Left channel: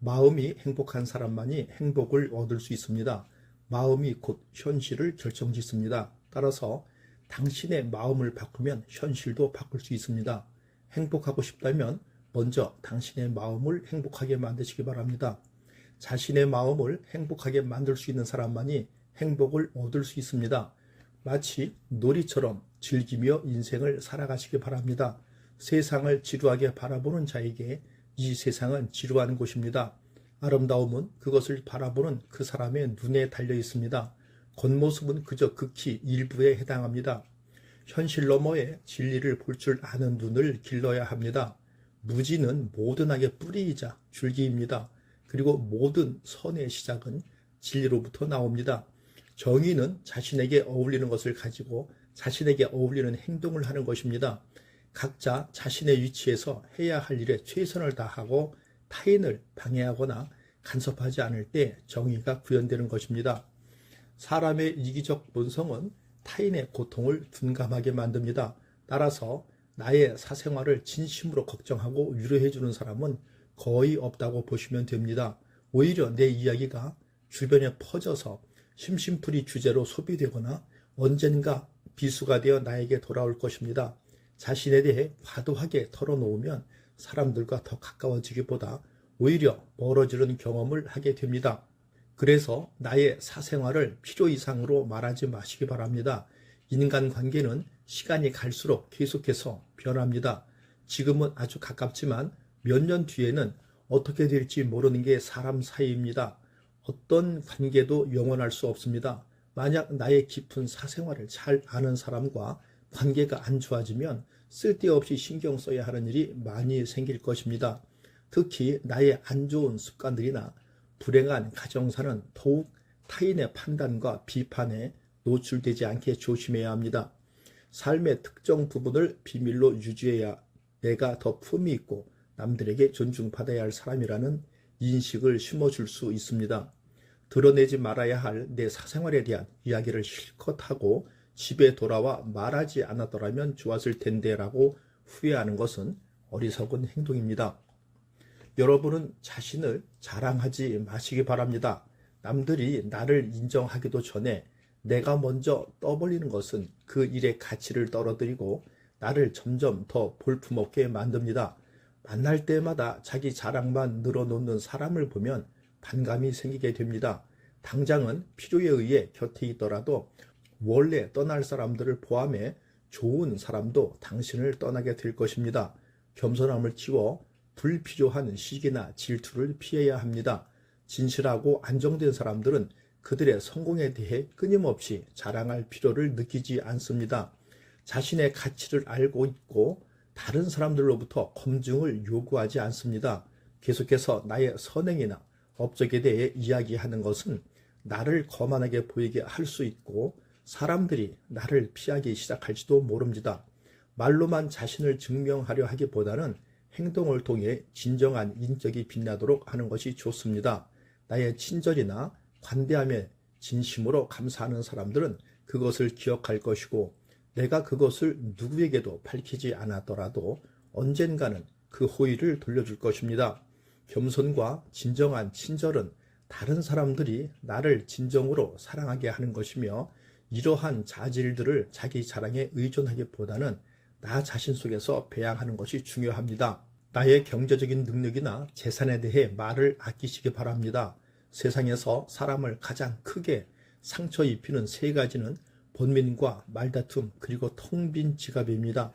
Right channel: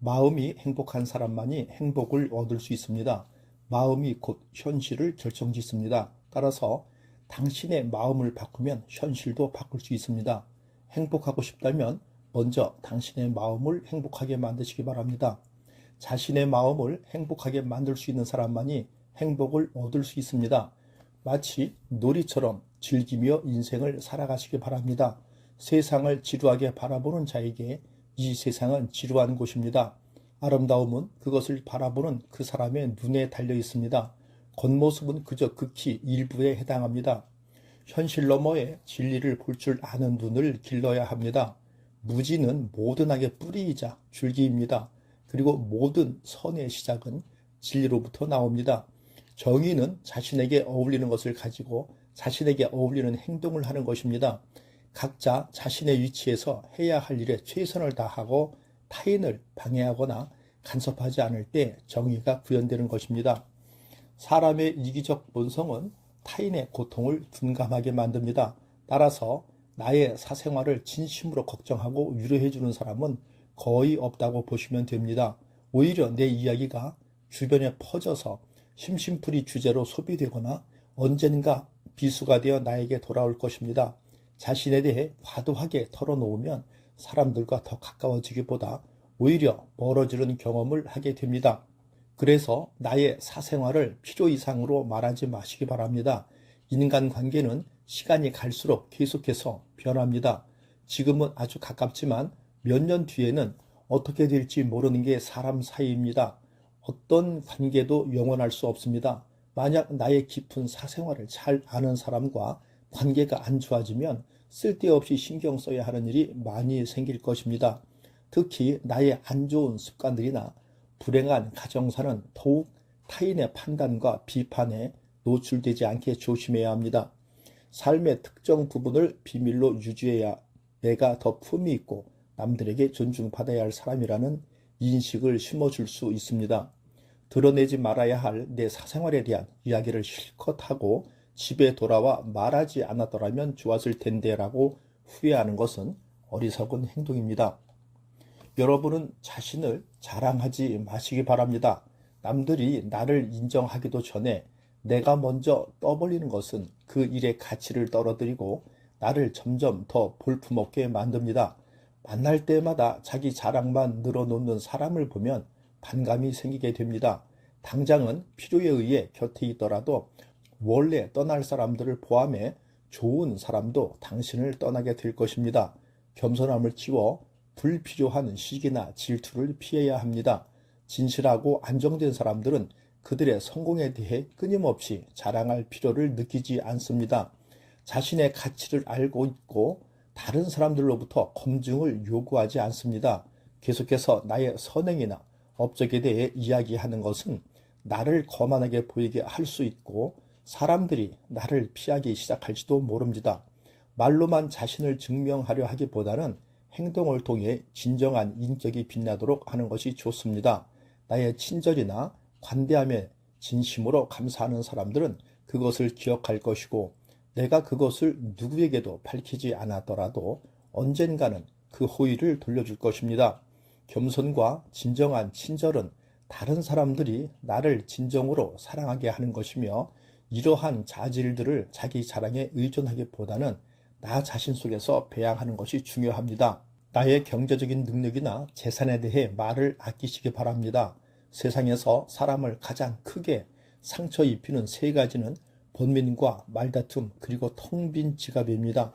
마음이 행복한 사람만이 행복을 얻을 수 있습니다. 마음이 곧 현실을 결정짓습니다. 따라서 당신의 마음을 바꾸면 현실도 바꿀 수 있습니다. 행복하고 싶다면 먼저 당신의 마음을 행복하게 만드시기 바랍니다. 자신의 마음을 행복하게 만들 수 있는 사람만이 행복을 얻을 수 있습니다. 마치 놀이처럼 즐기며 인생을 살아가시기 바랍니다. 세상을 지루하게 바라보는 자에게 이 세상은 지루한 곳입니다. 아름다움은 그것을 바라보는 그 사람의 눈에 달려 있습니다. 겉모습은 그저 극히 일부에 해당합니다. 현실 너머의 진리를 볼 줄 아는 눈을 길러야 합니다. 무지는 모든 악의 뿌리이자 줄기입니다. 그리고 모든 선의 시작은 진리로부터 나옵니다. 정의는 자신에게 어울리는 것을 가지고 자신에게 어울리는 행동을 하는 것입니다. 각자 자신의 위치에서 해야 할 일에 최선을 다하고 타인을 방해하거나 간섭하지 않을 때 정의가 구현되는 것입니다. 사람의 이기적 본성은 타인의 고통을 둔감하게 만듭니다. 따라서 나의 사생활을 진심으로 걱정하고 위로해주는 사람은 거의 없다고 보시면 됩니다. 오히려 내 이야기가 주변에 퍼져서 심심풀이 주제로 소비되거나 언젠가 비수가 되어 나에게 돌아올 것입니다. 자신에 대해 과도하게 털어놓으면 사람들과 더 가까워지기보다 오히려 멀어지는 경험을 하게 됩니다. 그래서 나의 사생활을 필요 이상으로 말하지 마시기 바랍니다. 인간관계는 시간이 갈수록 계속해서 변합니다. 지금은 아주 가깝지만 몇 년 뒤에는 어떻게 될지 모르는 게 사람 사이입니다. 어떤 관계도 영원할 수 없습니다. 만약 나의 깊은 사생활을 잘 아는 사람과 관계가 안 좋아지면 쓸데없이 신경 써야 하는 일이 많이 생길 것입니다. 특히 나의 안 좋은 습관들이나 불행한 가정사는 더욱 타인의 판단과 비판에 노출되지 않게 조심해야 합니다. 삶의 특정 부분을 비밀로 유지해야 내가 더 품위 있고 남들에게 존중받아야 할 사람이라는 인식을 심어줄 수 있습니다. 드러내지 말아야 할 내 사생활에 대한 이야기를 실컷 하고 집에 돌아와 말하지 않았더라면 좋았을 텐데 라고 후회하는 것은 어리석은 행동입니다. 여러분은 자신을 자랑하지 마시기 바랍니다. 남들이 나를 인정하기도 전에 내가 먼저 떠벌리는 것은 그 일의 가치를 떨어뜨리고 나를 점점 더 볼품없게 만듭니다. 만날 때마다 자기 자랑만 늘어놓는 사람을 보면 반감이 생기게 됩니다. 당장은 필요에 의해 곁에 있더라도 원래 떠날 사람들을 포함해 좋은 사람도 당신을 떠나게 될 것입니다. 겸손함을 키워 불필요한 시기나 질투를 피해야 합니다. 진실하고 안정된 사람들은 그들의 성공에 대해 끊임없이 자랑할 필요를 느끼지 않습니다. 자신의 가치를 알고 있고 다른 사람들로부터 검증을 요구하지 않습니다. 계속해서 나의 선행이나 업적에 대해 이야기하는 것은 나를 거만하게 보이게 할 수 있고 사람들이 나를 피하기 시작할지도 모릅니다. 말로만 자신을 증명하려 하기보다는 행동을 통해 진정한 인격이 빛나도록 하는 것이 좋습니다. 나의 친절이나 관대함에 진심으로 감사하는 사람들은 그것을 기억할 것이고 내가 그것을 누구에게도 밝히지 않았더라도 언젠가는 그 호의를 돌려줄 것입니다. 겸손과 진정한 친절은 다른 사람들이 나를 진정으로 사랑하게 하는 것이며 이러한 자질들을 자기 자랑에 의존하기보다는 나 자신 속에서 배양하는 것이 중요합니다. 나의 경제적인 능력이나 재산에 대해 말을 아끼시기 바랍니다. 세상에서 사람을 가장 크게 상처 입히는 세 가지는 번민과 말다툼 그리고 텅 빈 지갑입니다.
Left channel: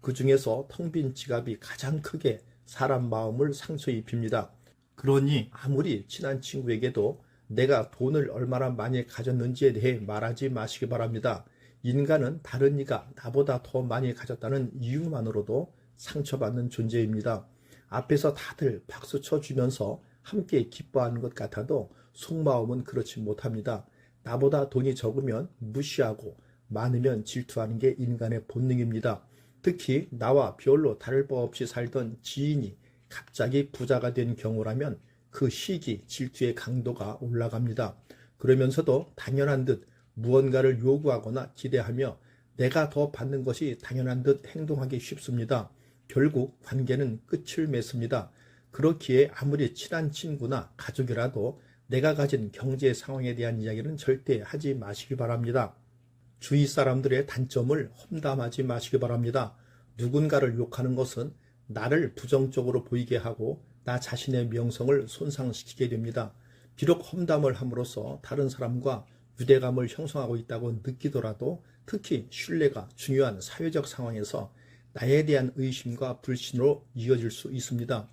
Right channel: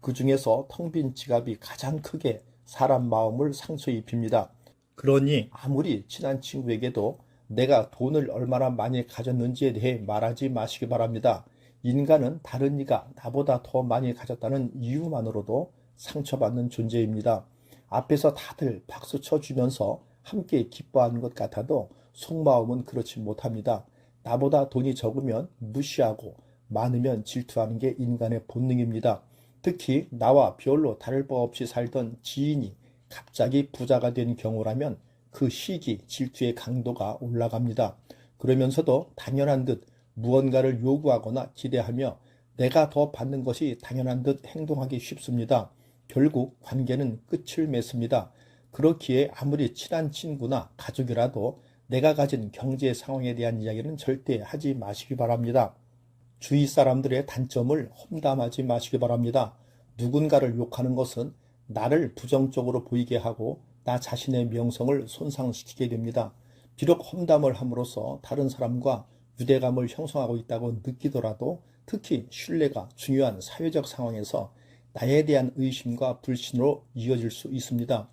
그 중에서 텅 빈 지갑이 가장 크게 사람 마음을 상처 입힙니다. 그러니 아무리 친한 친구에게도 내가 돈을 얼마나 많이 가졌는지에 대해 말하지 마시기 바랍니다. 인간은 다른 이가 나보다 더 많이 가졌다는 이유만으로도 상처받는 존재입니다. 앞에서 다들 박수 쳐주면서 함께 기뻐하는 것 같아도 속마음은 그렇지 못합니다. 나보다 돈이 적으면 무시하고 많으면 질투하는 게 인간의 본능입니다. 특히 나와 별로 다를 바 없이 살던 지인이 갑자기 부자가 된 경우라면 그 시기 질투의 강도가 올라갑니다. 그러면서도 당연한 듯 무언가를 요구하거나 기대하며 내가 더 받는 것이 당연한 듯 행동하기 쉽습니다. 결국 관계는 끝을 맺습니다. 그렇기에 아무리 친한 친구나 가족이라도 내가 가진 경제 상황에 대한 이야기는 절대 하지 마시기 바랍니다. 주위 사람들의 단점을 험담하지 마시기 바랍니다. 누군가를 욕하는 것은 나를 부정적으로 보이게 하고 나 자신의 명성을 손상시키게 됩니다. 비록 험담을 함으로써 다른 사람과 유대감을 형성하고 있다고 느끼더라도 특히 신뢰가 중요한 사회적 상황에서 나에 대한 의심과 불신으로 이어질 수 있습니다.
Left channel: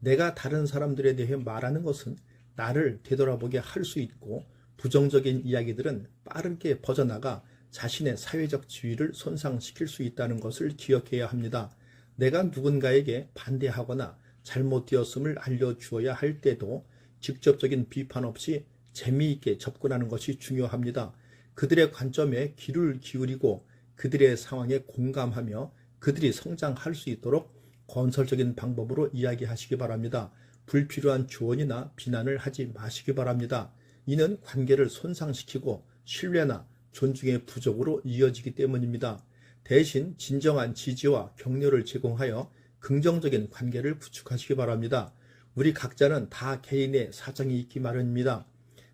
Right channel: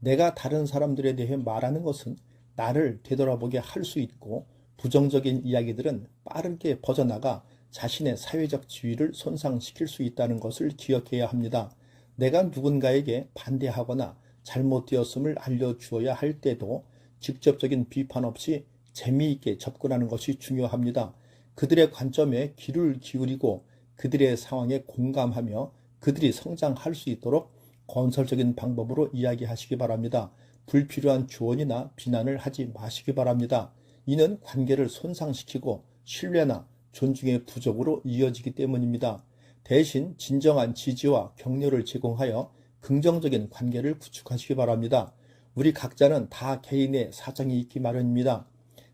내가 다른 사람들에 대해 말하는 것은 나를 되돌아보게 할 수 있고 부정적인 이야기들은 빠르게 퍼져나가 자신의 사회적 지위를 손상시킬 수 있다는 것을 기억해야 합니다. 내가 누군가에게 반대하거나 잘못되었음을 알려주어야 할 때도 직접적인 비판 없이 재미있게 접근하는 것이 중요합니다. 그들의 관점에 귀를 기울이고 그들의 상황에 공감하며 그들이 성장할 수 있도록 건설적인 방법으로 이야기하시기 바랍니다. 불필요한 조언이나 비난을 하지 마시기 바랍니다. 이는 관계를 손상시키고 신뢰나 존중의 부족으로 이어지기 때문입니다. 대신 진정한 지지와 격려를 제공하여 긍정적인 관계를 구축하시기 바랍니다. 우리 각자는 다 개인의 사정이 있기 마련입니다.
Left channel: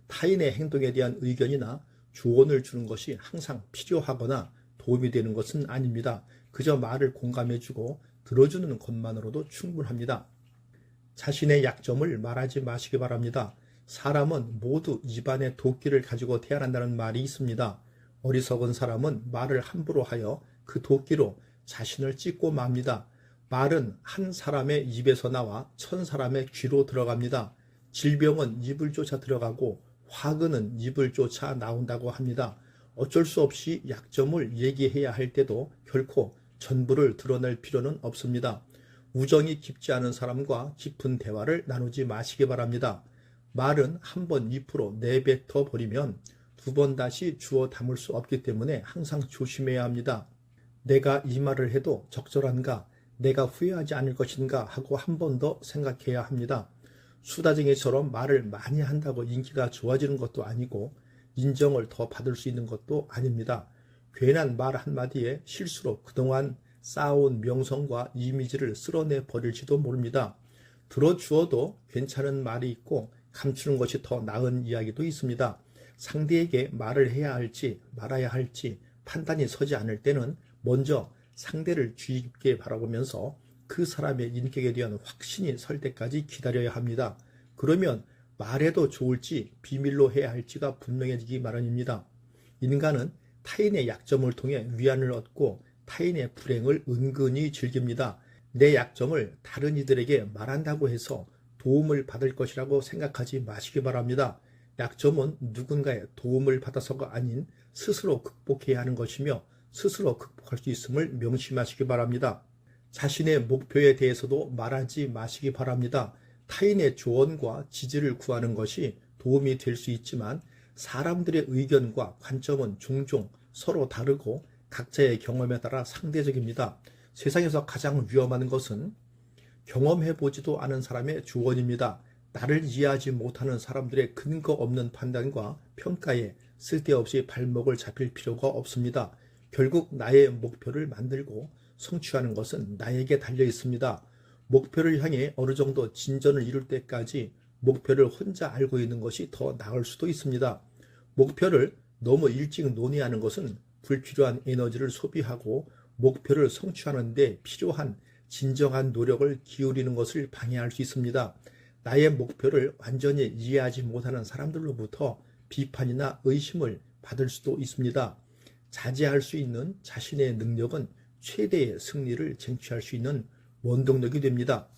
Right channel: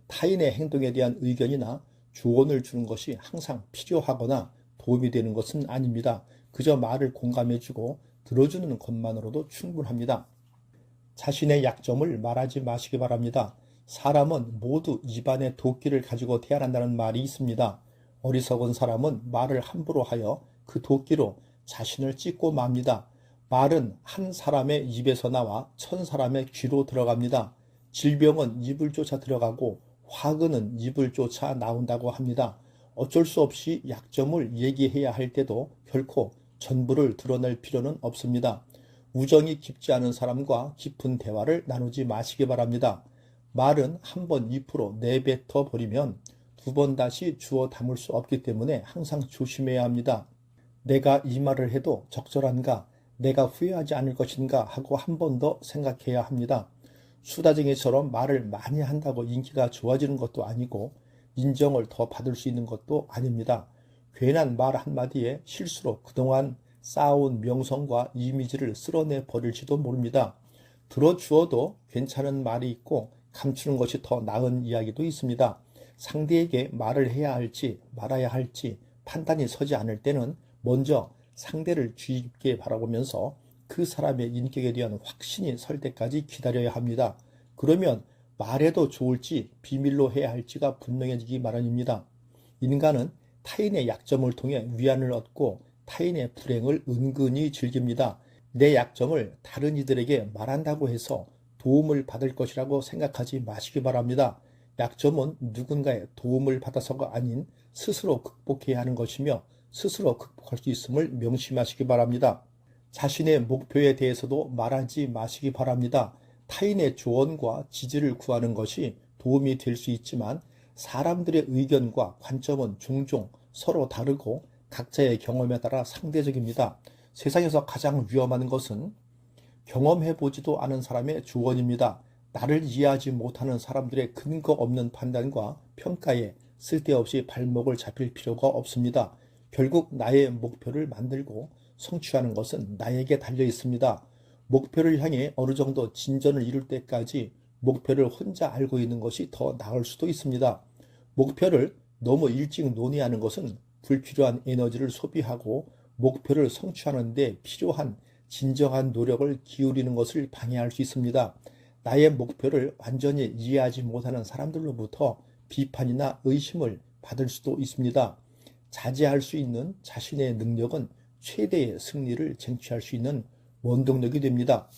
타인의 행동에 대한 의견이나 조언을 주는 것이 항상 필요하거나 도움이 되는 것은 아닙니다. 그저 말을 공감해주고 들어주는 것만으로도 충분합니다. 자신의 약점을 말하지 마시기 바랍니다. 사람은 모두 입안에 도끼를 가지고 태어난다는 말이 있습니다. 어리석은 사람은 말을 함부로 하여 그 도끼로 자신을 찢고 맙니다. 말은 한 사람의 입에서 나와 1000사람의 귀로 들어갑니다. 질병은 입을 쫓아 들어가고 화근은 입을 쫓아 나온다고 합니다. 어쩔 수 없이 약점을 얘기해야 할 때도 결코 전부를 드러낼 필요는 없습니다. 우정이 깊지 않은 사람과 깊은 대화를 나누지 마시기 바랍니다. 말은 한번 입으로 내뱉어 버리면 두 번 다시 주워 담을 수 없기 때문에 항상 조심해야 합니다. 내가 이 말을 해도 적절한가, 내가 후회하지 않을 것인가 하고 한 번 더 생각해야 합니다. 수다쟁이처럼 말을 많이 한다고 인기가 좋아지는 것도 아니고 인정을 더 받을 수 있는 것도 아닙니다. 괜한 말 한마디에 실수로 그동안 쌓아온 명성과 이미지를 쓸어내 버릴지도 모릅니다. 들어주어도 괜찮은 말이 있고 감추는 것이 더 나은 이야기도 있습니다. 상대에게 말을 해야 할지 말아야 할지 판단이 서지 않을 때는 먼저 상대를 주의 깊게 바라보면서 그 사람의 인격에 대한 확신이 설 때까지 기다려야 합니다. 그러면 말해도 좋을지 비밀로 해야 할지가 분명해지기 마련입니다. 인간은 타인의 약점을 통해 위안을 얻고 타인의 불행을 은근히 즐깁니다. 내 약점을 다른 이들에게 말한다고 해서 도움을 받을 것이라고 생각하지 마시기 바랍니다. 약점은 누군가의 도움을 받아서가 아닌 스스로 극복해야 하는 것이며 스스로 극복할 수 있음을 명심하시기 바랍니다. 자신의 목표에 대해서도 말하지 마시기 바랍니다. 타인의 조언과 지지를 구하는 것이 도움이 될 수 있지만 사람들의 의견과 관점은 종종 서로 다르고 각자의 경험에 따라 상대적입니다. 세상에서 가장 위험한 것은 경험해보지도 않은 사람의 조언입니다. 나를 이해하지 못하는 사람들의 근거 없는 판단과 평가에 쓸데없이 발목을 잡힐 필요가 없습니다. 결국 나의 목표를 만들고 성취하는 것은 나에게 달려 있습니다. 목표를 향해 어느 정도 진전을 이룰 때까지 목표를 혼자 알고 있는 것이 더 나을 수도 있습니다. 목표를 너무 일찍 논의하는 것은 불필요한 에너지를 소비하고 목표를 성취하는 데 필요한 진정한 노력을 기울이는 것을 방해할 수 있습니다. 나의 목표를 완전히 이해하지 못하는 사람들로부터 비판이나 의심을 받을 수도 있습니다. 자제할 수 있는 자신의 능력은 최대의 승리를 쟁취할 수 있는 원동력이 됩니다.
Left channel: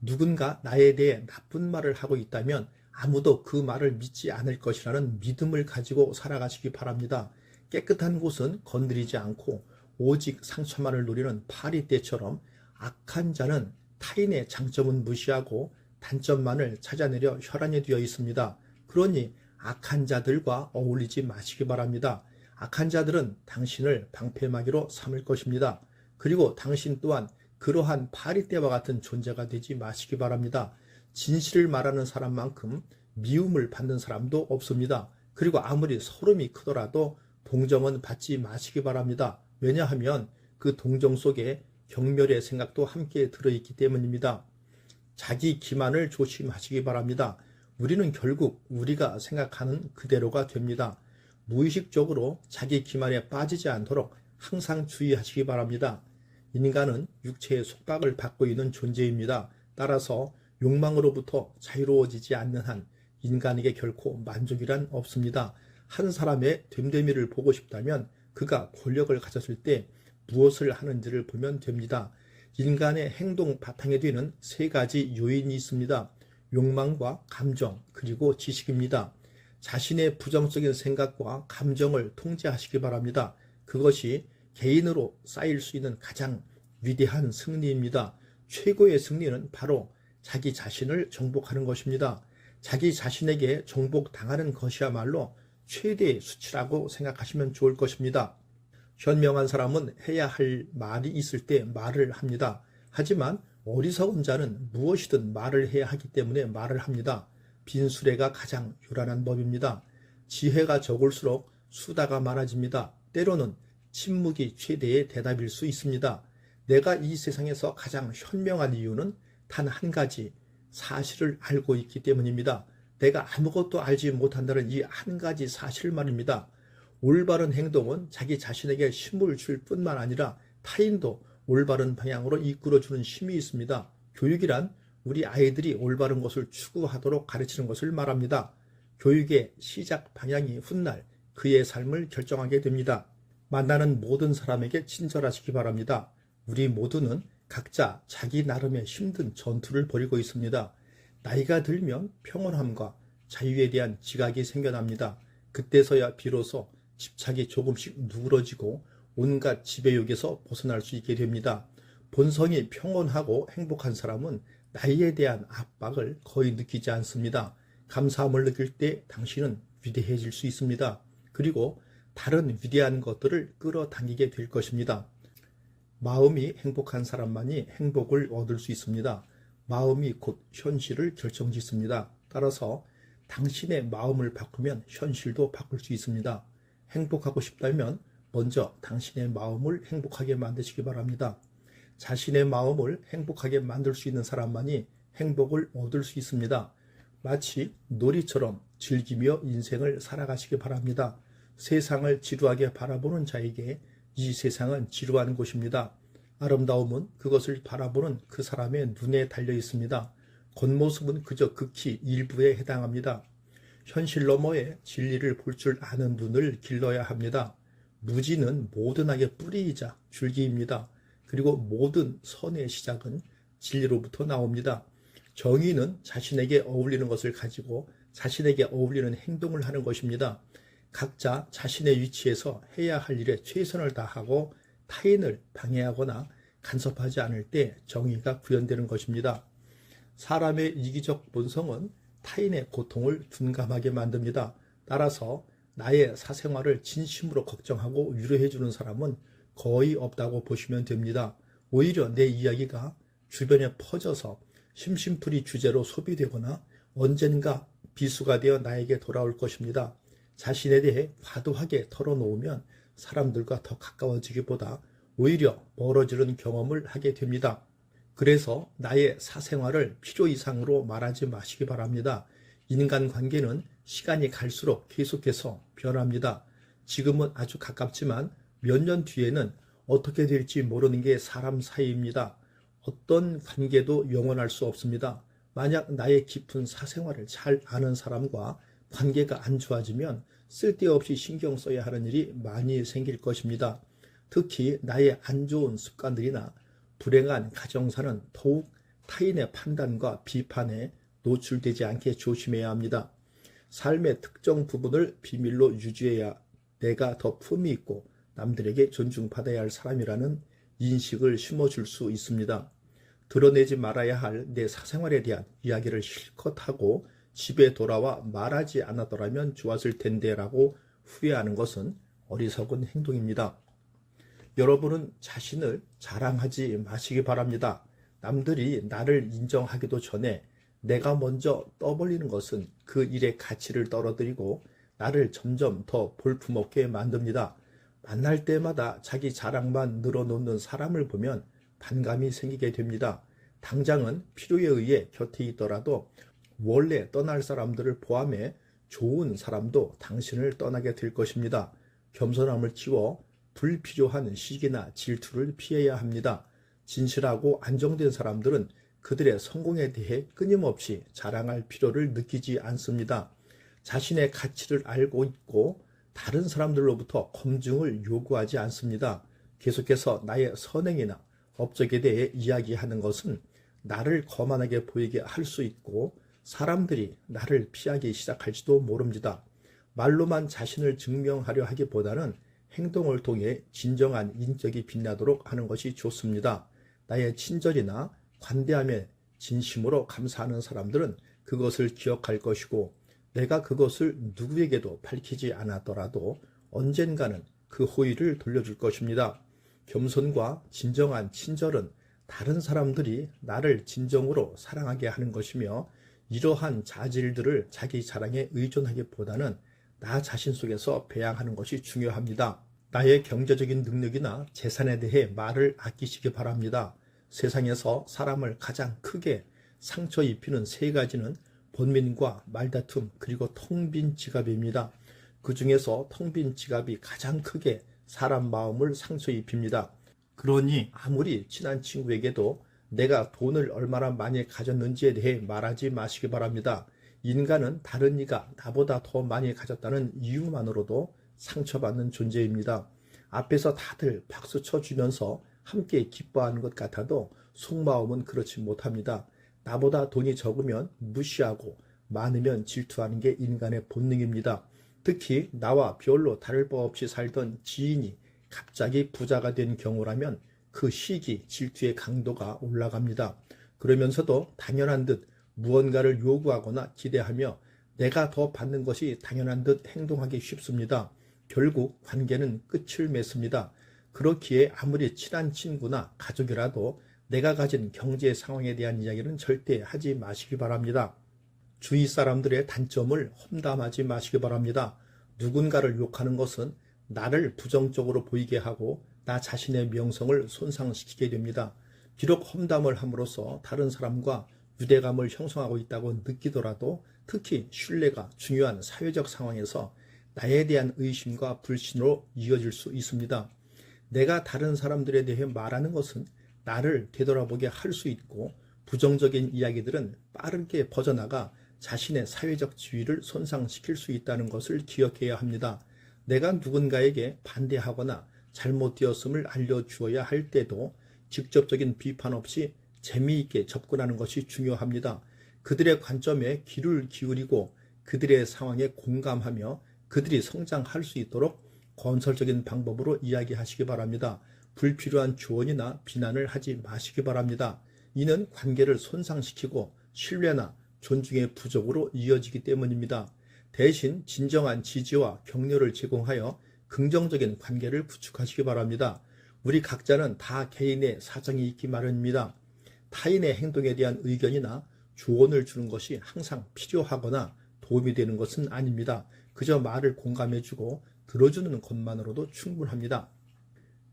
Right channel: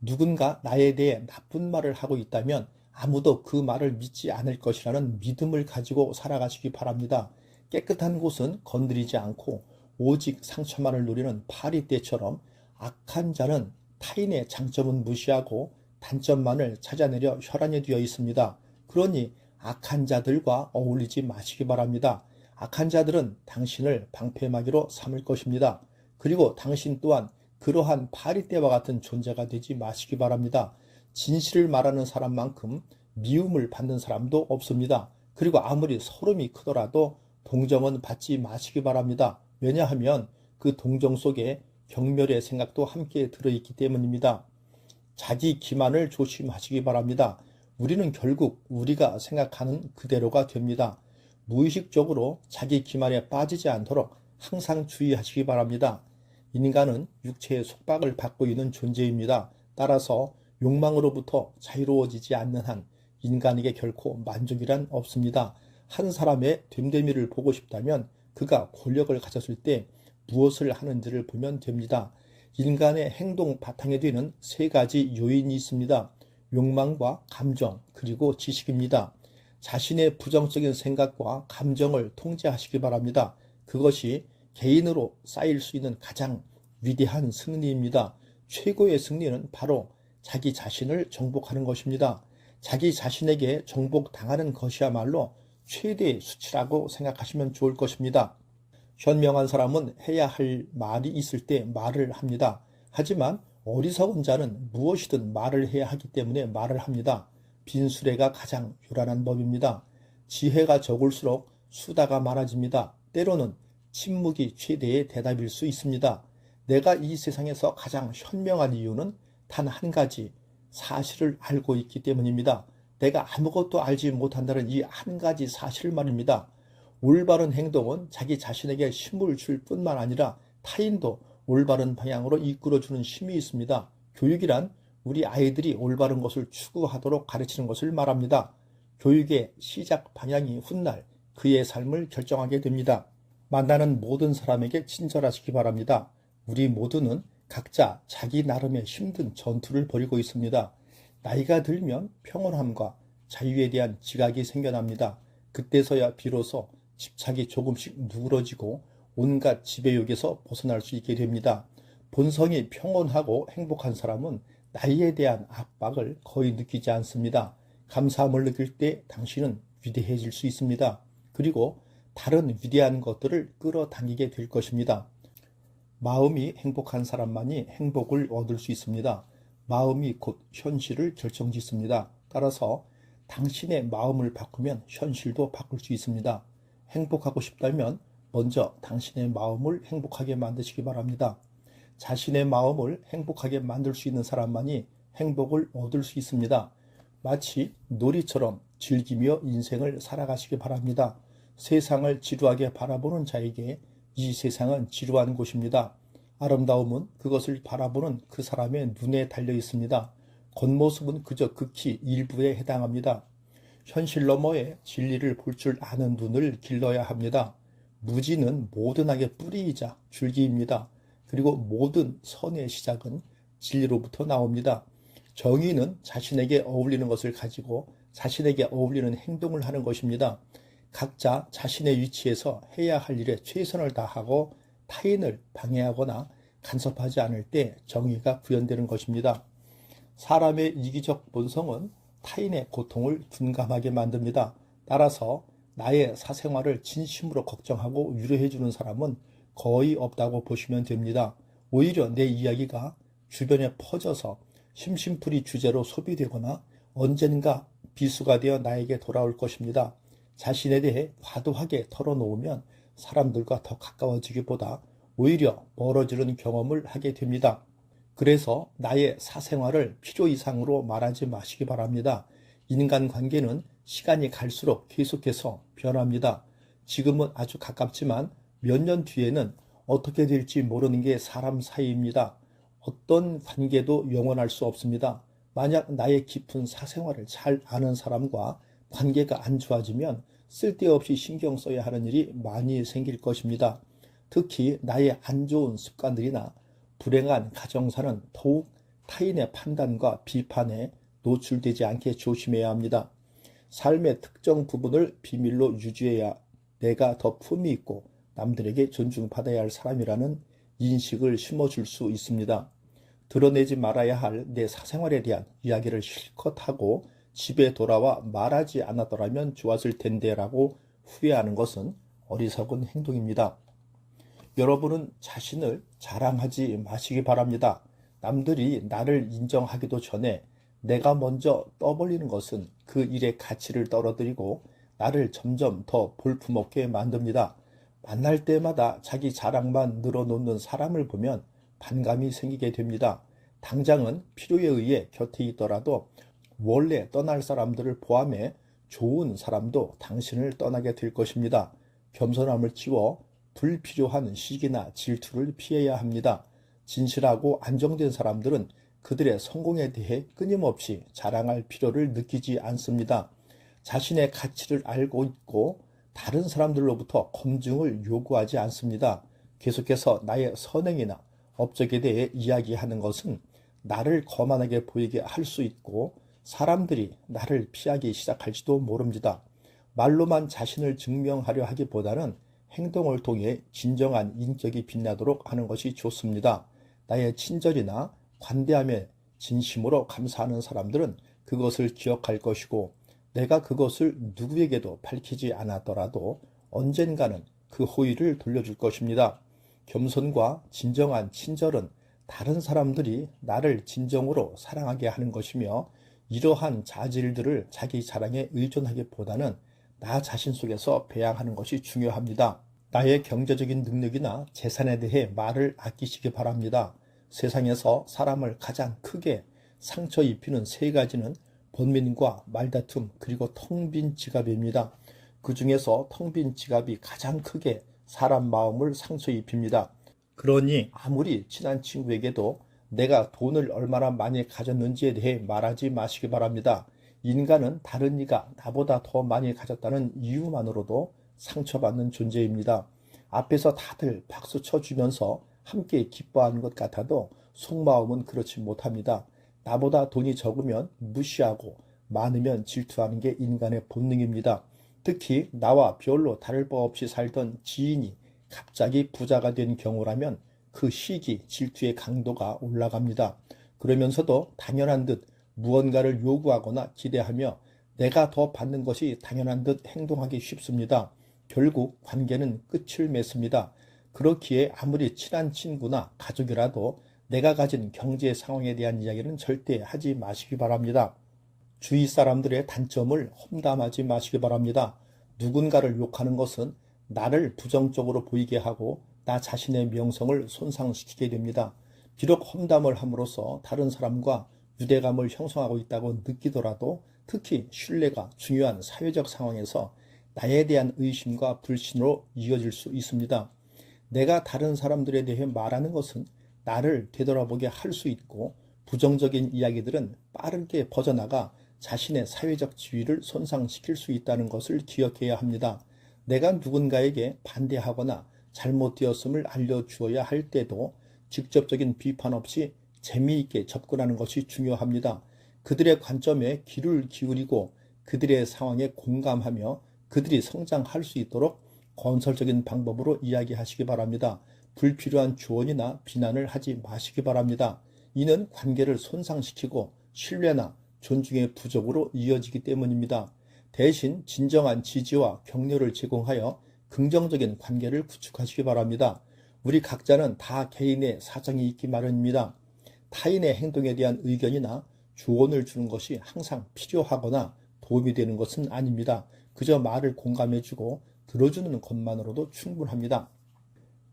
누군가 나에 대해 나쁜 말을 하고 있다면 아무도 그 말을 믿지 않을 것이라는 믿음을 가지고 살아가시기 바랍니다. 깨끗한 곳은 건드리지 않고 오직 상처만을 노리는 파리떼처럼 악한 자는 타인의 장점은 무시하고 단점만을 찾아내려 혈안이 되어 있습니다. 그러니 악한 자들과 어울리지 마시기 바랍니다. 악한 자들은 당신을 방패막이로 삼을 것입니다. 그리고 당신 또한 그러한 파리떼와 같은 존재가 되지 마시기 바랍니다. 진실을 말하는 사람만큼 미움을 받는 사람도 없습니다. 그리고 아무리 소름이 크더라도 동정은 받지 마시기 바랍니다. 왜냐하면 그 동정 속에 경멸의 생각도 함께 들어있기 때문입니다. 자기 기만을 조심하시기 바랍니다. 우리는 결국 우리가 생각하는 그대로가 됩니다. 무의식적으로 자기 기만에 빠지지 않도록 항상 주의하시기 바랍니다. 인간은 육체의 속박을 받고 있는 존재입니다. 따라서 욕망으로부터 자유로워지지 않는 한 인간에게 결코 만족이란 없습니다. 한 사람의 됨됨이를 보고 싶다면 그가 권력을 가졌을 때 무엇을 하는지를 보면 됩니다. 인간의 행동 바탕에 되는 세 가지 요인이 있습니다. 욕망과 감정, 그리고 지식입니다. 자신의 부정적인 생각과 감정을 통제하시기 바랍니다. 그것이 개인으로 쌓일 수 있는 가장 위대한 승리입니다. 최고의 승리는 바로 자기 자신을 정복하는 것입니다. 자기 자신에게 정복당하는 것이야말로 최대의 수치라고 생각하시면 좋을 것입니다. 현명한 사람은 해야 할 말이 있을 때 말을 합니다. 하지만 어리석은 자는 무엇이든 말을 해야 하기 때문에 말을 합니다. 빈수레가 가장 요란한 법입니다. 지혜가 적을수록 수다가 많아집니다. 때로는 침묵이 최대의 대답일 수 있습니다. 내가 이 세상에서 가장 현명한 이유는 단 한 가지, 사실을 알고 있기 때문입니다. 내가 아무것도 알지 못한다는 이 한 가지 사실 말입니다. 올바른 행동은 자기 자신에게 힘을 줄 뿐만 아니라 타인도 올바른 방향으로 이끌어주는 힘이 있습니다. 교육이란 우리 아이들이 올바른 것을 추구하도록 가르치는 것을 말합니다. 교육의 시작 방향이 훗날 그의 삶을 결정하게 됩니다. 만나는 모든 사람에게 친절하시기 바랍니다. 우리 모두는 각자 자기 나름의 힘든 전투를 벌이고 있습니다. 나이가 들면 평온함과 자유에 대한 지각이 생겨납니다. 그때서야 비로소 집착이 조금씩 누그러지고 온갖 지배욕에서 벗어날 수 있게 됩니다. 본성이 평온하고 행복한 사람은 나이에 대한 압박을 거의 느끼지 않습니다. 감사함을 느낄 때 당신은 위대해질 수 있습니다. 그리고 다른 위대한 것들을 끌어당기게 될 것입니다. 마음이 행복한 사람만이 행복을 얻을 수 있습니다. 마음이 곧 현실을 결정짓습니다. 따라서 당신의 마음을 바꾸면 현실도 바꿀 수 있습니다. 행복하고 싶다면 먼저 당신의 마음을 행복하게 만드시기 바랍니다. 자신의 마음을 행복하게 만들 수 있는 사람만이 행복을 얻을 수 있습니다. 마치 놀이처럼 즐기며 인생을 살아가시기 바랍니다. 세상을 지루하게 바라보는 자에게 이 세상은 지루한 곳입니다. 아름다움은 그것을 바라보는 그 사람의 눈에 달려 있습니다. 겉모습은 그저 극히 일부에 해당합니다. 현실 너머에 진리를 볼 줄 아는 눈을 길러야 합니다. 무지는 모든 악의 뿌리이자 줄기입니다. 그리고 모든 선의 시작은 진리로부터 나옵니다. 정의는 자신에게 어울리는 것을 가지고 자신에게 어울리는 행동을 하는 것입니다. 각자 자신의 위치에서 해야 할 일에 최선을 다하고 타인을 방해하거나 간섭하지 않을 때 정의가 구현되는 것입니다. 사람의 이기적 본성은 타인의 고통을 둔감하게 만듭니다. 따라서 나의 사생활을 진심으로 걱정하고 위로해주는 사람은 거의 없다고 보시면 됩니다. 오히려 내 이야기가 주변에 퍼져서 심심풀이 주제로 소비되거나 언젠가 비수가 되어 나에게 돌아올 것입니다. 자신에 대해 과도하게 털어놓으면 사람들과 더 가까워지기보다 오히려 멀어지는 경험을 하게 됩니다. 그래서 나의 사생활을 필요 이상으로 말하지 마시기 바랍니다. 인간관계는 시간이 갈수록 계속해서 변합니다. 지금은 아주 가깝지만 몇 년 뒤에는 어떻게 될지 모르는 게 사람 사이입니다. 어떤 관계도 영원할 수 없습니다. 만약 나의 깊은 사생활을 잘 아는 사람과 관계가 안 좋아지면 쓸데없이 신경 써야 하는 일이 많이 생길 것입니다. 특히 나의 안 좋은 습관들이나 불행한 가정사는 더욱 타인의 판단과 비판에 노출되지 않게 조심해야 합니다. 삶의 특정 부분을 비밀로 유지해야 내가 더 품위 있고 남들에게 존중받아야 할 사람이라는 인식을 심어줄 수 있습니다. 드러내지 말아야 할 내 사생활에 대한 이야기를 실컷 하고 집에 돌아와 말하지 않았더라면 좋았을 텐데 라고 후회하는 것은 어리석은 행동입니다. 여러분은 자신을 자랑하지 마시기 바랍니다. 남들이 나를 인정하기도 전에 내가 먼저 떠벌리는 것은 그 일의 가치를 떨어뜨리고 나를 점점 더 볼품없게 만듭니다. 만날 때마다 자기 자랑만 늘어놓는 사람을 보면 반감이 생기게 됩니다. 당장은 필요에 의해 곁에 있더라도 원래 떠날 사람들을 포함해 좋은 사람도 당신을 떠나게 될 것입니다. 겸손함을 키워 불필요한 시기나 질투를 피해야 합니다. 진실하고 안정된 사람들은 그들의 성공에 대해 끊임없이 자랑할 필요를 느끼지 않습니다. 자신의 가치를 알고 있고 다른 사람들로부터 검증을 요구하지 않습니다. 계속해서 나의 선행이나 업적에 대해 이야기하는 것은 나를 거만하게 보이게 할 수 있고 사람들이 나를 피하기 시작할지도 모릅니다. 말로만 자신을 증명하려 하기보다는 행동을 통해 진정한 인격이 빛나도록 하는 것이 좋습니다. 나의 친절이나 관대함에 진심으로 감사하는 사람들은 그것을 기억할 것이고 내가 그것을 누구에게도 밝히지 않았더라도 언젠가는 그 호의를 돌려줄 것입니다. 겸손과 진정한 친절은 다른 사람들이 나를 진정으로 사랑하게 하는 것이며 이러한 자질들을 자기 자랑에 의존하기보다는 나 자신 속에서 배양하는 것이 중요합니다. 나의 경제적인 능력이나 재산에 대해 말을 아끼시기 바랍니다. 세상에서 사람을 가장 크게 상처 입히는 세 가지는 번민과 말다툼 그리고 텅 빈 지갑입니다. 그 중에서 텅 빈 지갑이 가장 크게 사람 마음을 상처 입힙니다. 그러니 아무리 친한 친구에게도 내가 돈을 얼마나 많이 가졌는지에 대해 말하지 마시기 바랍니다. 인간은 다른 이가 나보다 더 많이 가졌다는 이유만으로도 상처받는 존재입니다. 앞에서 다들 박수 쳐주면서 함께 기뻐하는 것 같아도 속마음은 그렇지 못합니다. 나보다 돈이 적으면 무시하고 많으면 질투하는 게 인간의 본능입니다. 특히 나와 별로 다를 바 없이 살던 지인이 갑자기 부자가 된 경우라면 그 시기 질투의 강도가 올라갑니다. 그러면서도 당연한 듯 무언가를 요구하거나 기대하며 내가 더 받는 것이 당연한 듯 행동하기 쉽습니다. 결국 관계는 끝을 맺습니다. 그렇기에 아무리 친한 친구나 가족이라도 내가 가진 경제 상황에 대한 이야기는 절대 하지 마시기 바랍니다. 주위 사람들의 단점을 험담하지 마시기 바랍니다. 누군가를 욕하는 것은 나를 부정적으로 보이게 하고 나 자신의 명성을 손상시키게 됩니다. 비록 험담을 함으로써 다른 사람과 유대감을 형성하고 있다고 느끼더라도 특히 신뢰가 중요한 사회적 상황에서 나에 대한 의심과 불신으로 이어질 수 있습니다. 내가 다른 사람들에 대해 말하는 것은 나를 되돌아보게 할 수 있고 부정적인 이야기들은 빠르게 퍼져나가 자신의 사회적 지위를 손상시킬 수 있다는 것을 기억해야 합니다. 내가 누군가에게 반대하거나 잘못되었음을 알려주어야 할 때도 직접적인 비판 없이 재미있게 접근하는 것이 중요합니다. 그들의 관점에 귀를 기울이고 그들의 상황에 공감하며 그들이 성장할 수 있도록 건설적인 방법으로 이야기하시기 바랍니다. 불필요한 조언이나 비난을 하지 마시기 바랍니다. 이는 관계를 손상시키고 신뢰나 존중의 부족으로 이어지기 때문입니다. 대신 진정한 지지와 격려를 제공하여 긍정적인 관계를 구축하시기 바랍니다. 우리 각자는 다 개인의 사정이 있기 마련입니다. 타인의 행동에 대한 의견이나 조언을 주는 것이 항상 필요하거나 도움이 되는 것은 아닙니다. 그저 말을 공감해주고 들어주는 것만으로도 충분합니다.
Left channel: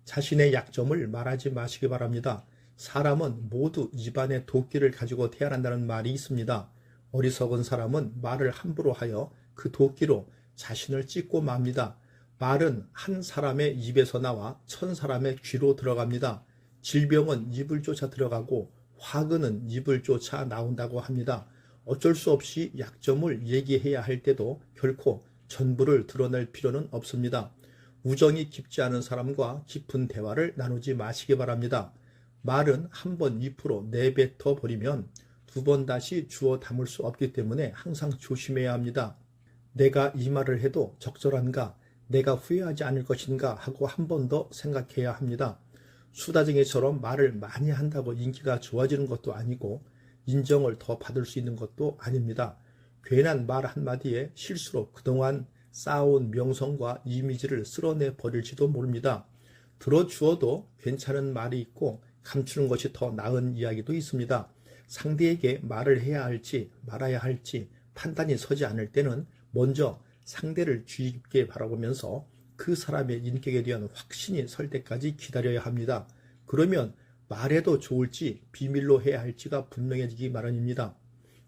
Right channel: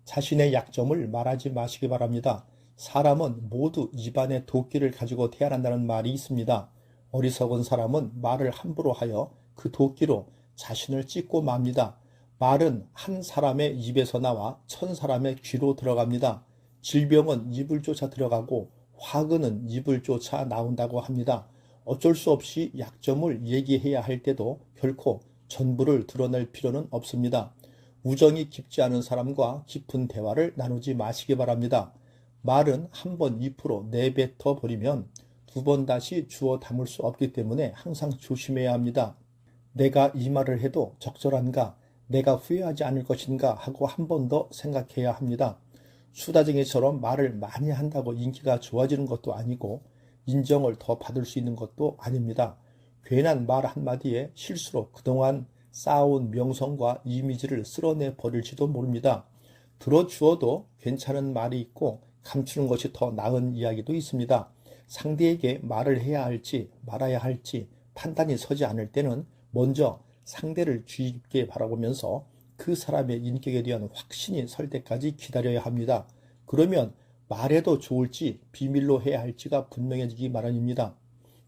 자신의 약점을 말하지 마시기 바랍니다. 사람은 모두 입안에 도끼를 가지고 태어난다는 말이 있습니다. 어리석은 사람은 말을 함부로 하여 그 도끼로 자신을 찢고 맙니다. 말은 한 사람의 입에서 나와 1000사람의 귀로 들어갑니다. 질병은 입을 쫓아 들어가고 화근은 입을 쫓아 나온다고 합니다. 어쩔 수 없이 약점을 얘기해야 할 때도 결코 전부를 드러낼 필요는 없습니다. 우정이 깊지 않은 사람과 깊은 대화를 나누지 마시기 바랍니다. 말은 한 번 입으로 내뱉어 버리면 두 번 다시 주워 담을 수 없기 때문에 항상 조심해야 합니다. 내가 이 말을 해도 적절한가, 내가 후회하지 않을 것인가 하고 한 번 더 생각해야 합니다. 수다쟁이처럼 말을 많이 한다고 인기가 좋아지는 것도 아니고 인정을 더 받을 수 있는 것도 아닙니다. 괜한 말 한마디에 실수로 그동안 쌓아온 명성과 이미지를 쓸어내 버릴지도 모릅니다. 들어주어도 괜찮은 말이 있고 감추는 것이 더 나은 이야기도 있습니다. 상대에게 말을 해야 할지 말아야 할지 판단이 서지 않을 때는 먼저 상대를 주의 깊게 바라보면서 그 사람의 인격에 대한 확신이 설 때까지 기다려야 합니다. 그러면 말해도 좋을지 비밀로 해야 할지가 분명해지기 마련입니다.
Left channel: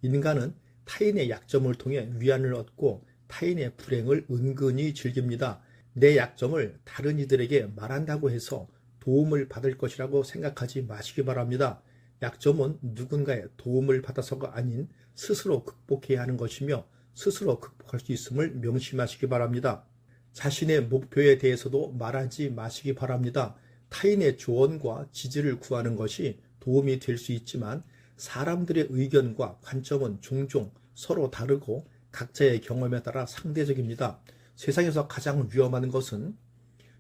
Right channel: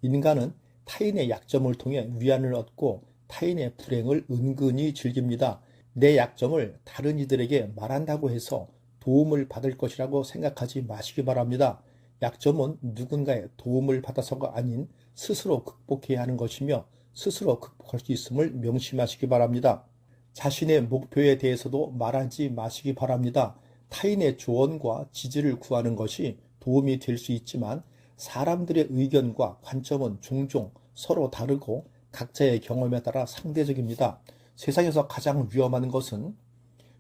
인간은 타인의 약점을 통해 위안을 얻고 타인의 불행을 은근히 즐깁니다. 내 약점을 다른 이들에게 말한다고 해서 도움을 받을 것이라고 생각하지 마시기 바랍니다. 약점은 누군가의 도움을 받아서가 아닌 스스로 극복해야 하는 것이며 스스로 극복할 수 있음을 명심하시기 바랍니다. 자신의 목표에 대해서도 말하지 마시기 바랍니다. 타인의 조언과 지지를 구하는 것이 도움이 될 수 있지만 사람들의 의견과 관점은 종종 서로 다르고 각자의 경험에 따라 상대적입니다. 세상에서 가장 위험한 것은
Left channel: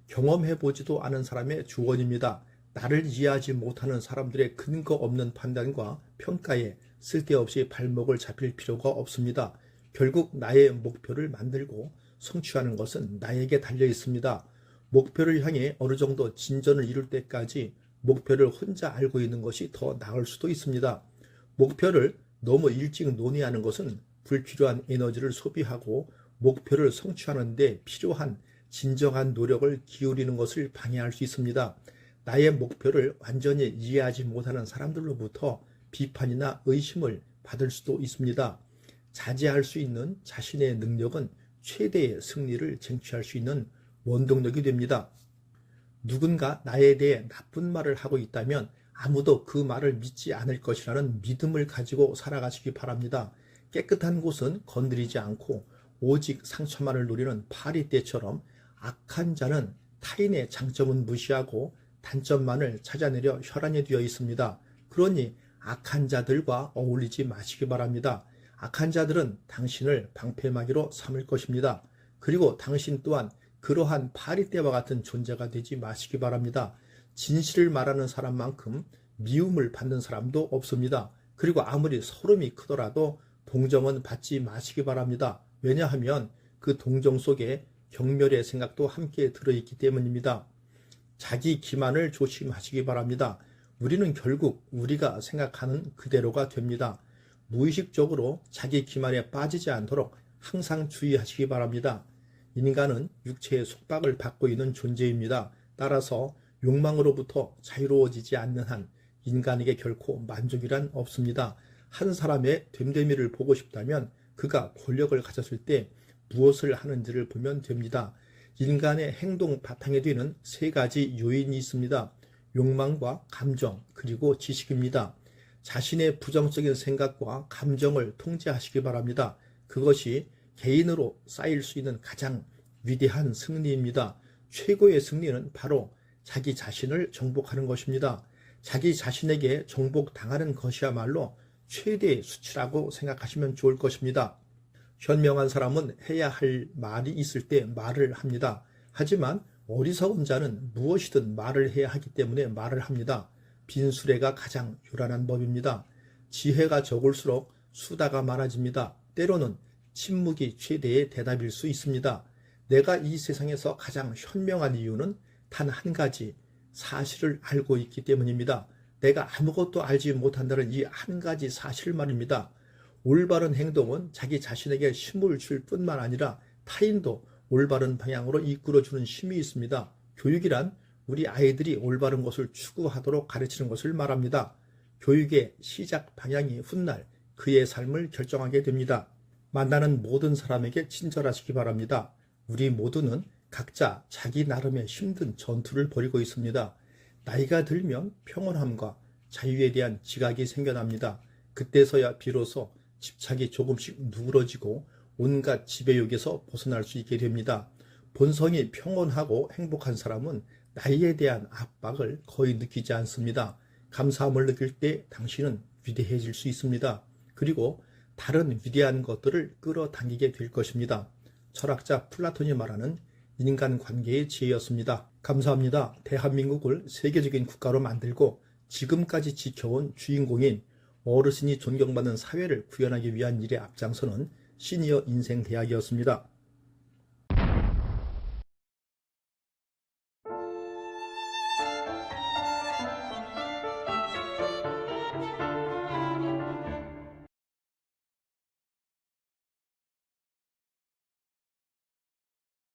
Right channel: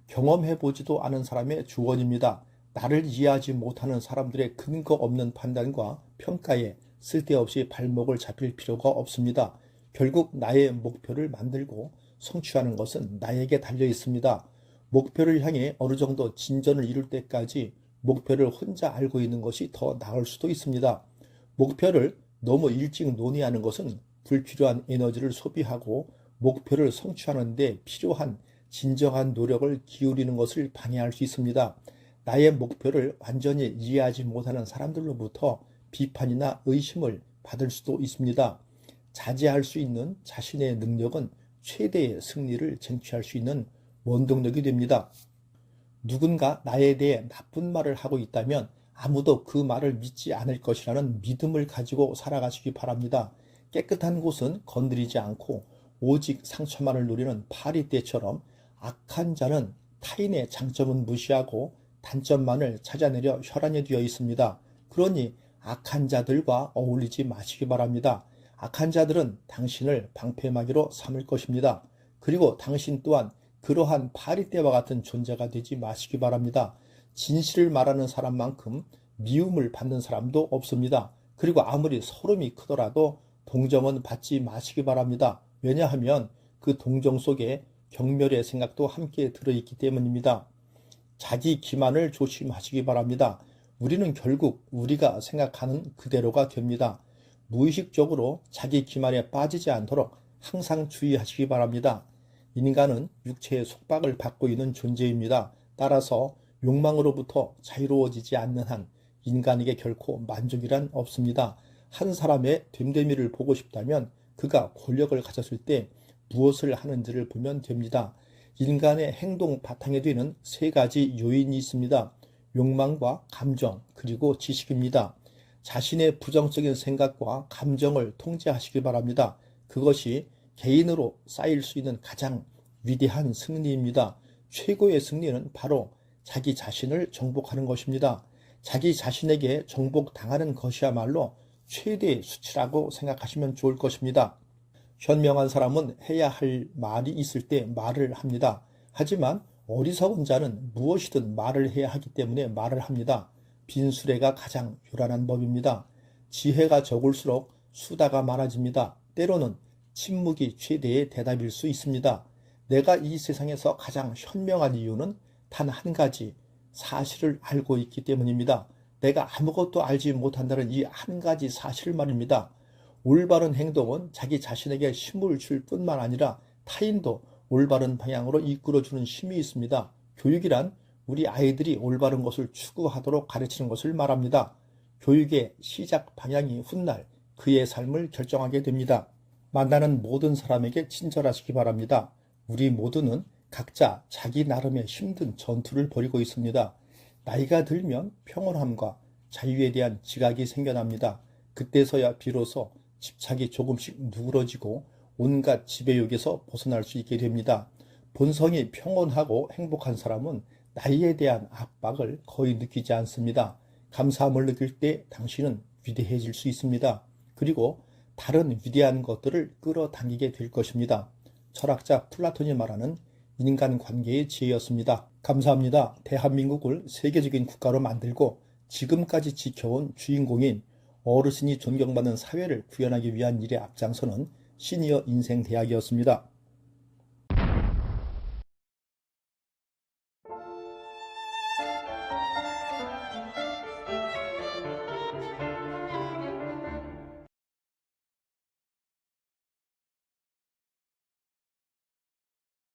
경험해보지도 않은 사람의 조언입니다. 나를 이해하지 못하는 사람들의 근거 없는 판단과 평가에 쓸데없이 발목을 잡힐 필요가 없습니다. 결국 나의 목표를 만들고 성취하는 것은 나에게 달려 있습니다. 목표를 향해 어느 정도 진전을 이룰 때까지 목표를 혼자 알고 있는 것이 더 나을 수도 있습니다. 목표를 너무 일찍 논의하는 것은 불필요한 에너지를 소비하고 목표를 성취하는 데 필요한 진정한 노력을 기울이는 것을 방해할 수 있습니다. 나의 목표를 완전히 이해하지 못하는 사람들로부터 비판이나 의심을 받을 수도 있습니다. 자제할 수 있는 자신의 능력은 최대의 승리를 쟁취할 수 있는 원동력이 됩니다. 누군가 나에 대해 나쁜 말을 하고 있다면 아무도 그 말을 믿지 않을 것이라는 믿음을 가지고 살아가시기 바랍니다. 깨끗한 곳은 건드리지 않고 오직 상처만을 노리는 파리떼처럼 악한 자는 타인의 장점은 무시하고 단점만을 찾아내려 혈안이 되어 있습니다. 그러니 악한 자들과 어울리지 마시기 바랍니다. 악한 자들은 당신을 방패막이로 삼을 것입니다. 그리고 당신 또한 그러한 파리떼와 같은 존재가 되지 마시기 바랍니다. 진실을 말하는 사람만큼 미움을 받는 사람도 없습니다. 그리고 아무리 서름이 크더라도 동정은 받지 마시기 바랍니다. 왜냐하면 그 동정 속에 경멸의 생각도 함께 들어있기 때문입니다. 자기 기만을 조심하시기 바랍니다. 우리는 결국 우리가 생각하는 그대로가 됩니다. 무의식적으로 자기 기만에 빠지지 않도록 항상 주의하시기 바랍니다. 인간은 육체의 속박을 받고 있는 존재입니다. 따라서 욕망으로부터 자유로워지지 않는 한 인간에게 결코 만족이란 없습니다. 한 사람의 됨됨이를 보고 싶다면 그가 권력을 가졌을 때 무엇을 하는지를 보면 됩니다. 인간의 행동 바탕에 두는 세 가지 요인이 있습니다. 욕망과 감정 그리고 지식입니다. 자신의 부정적인 생각과 감정을 통제하시기 바랍니다. 그것이 개인으로 쌓일 수 있는 가장 위대한 승리입니다. 최고의 승리는 바로 자기 자신을 정복하는 것입니다. 자기 자신에게 정복당하는 것이야말로 최대의 수치라고 생각하시면 좋을 것입니다. 현명한 사람은 해야 할 말이 있을 때 말을 합니다. 하지만 어리석은 자는 무엇이든 말을 해야 하기 때문에 말을 합니다. 빈수레가 가장 요란한 법입니다. 지혜가 적을수록 수다가 많아집니다. 때로는 침묵이 최대의 대답일 수 있습니다. 내가 이 세상에서 가장 현명한 이유는 단 한 가지, 사실을 알고 있기 때문입니다. 내가 아무것도 알지 못한다는 이 한 가지 사실 말입니다. 올바른 행동은 자기 자신에게 힘을 줄 뿐만 아니라 타인도 올바른 방향으로 이끌어주는 힘이 있습니다. 교육이란 우리 아이들이 올바른 것을 추구하도록 가르치는 것을 말합니다. 교육의 시작 방향이 훗날 그의 삶을 결정하게 됩니다. 만나는 모든 사람에게 친절하시기 바랍니다. 우리 모두는 각자 자기 나름의 힘든 전투를 벌이고 있습니다. 나이가 들면 평온함과 자유에 대한 지각이 생겨납니다. 그때서야 비로소 집착이 조금씩 누그러지고 온갖 지배욕에서 벗어날 수 있게 됩니다. 본성이 평온하고 행복한 사람은 나이에 대한 압박을 거의 느끼지 않습니다. 감사함을 느낄 때 당신은 위대해질 수 있습니다. 그리고 다른 위대한 것들을 끌어당기게 될 것입니다. 철학자 플라톤이 말하는 인간관계의 지혜였습니다. 감사합니다. 대한민국을 세계적인 국가로 만들고 지금까지 지켜온 주인공인 어르신이 존경받는 사회를 구현하기 위한 일에 앞장서는 시니어 인생대학이었습니다.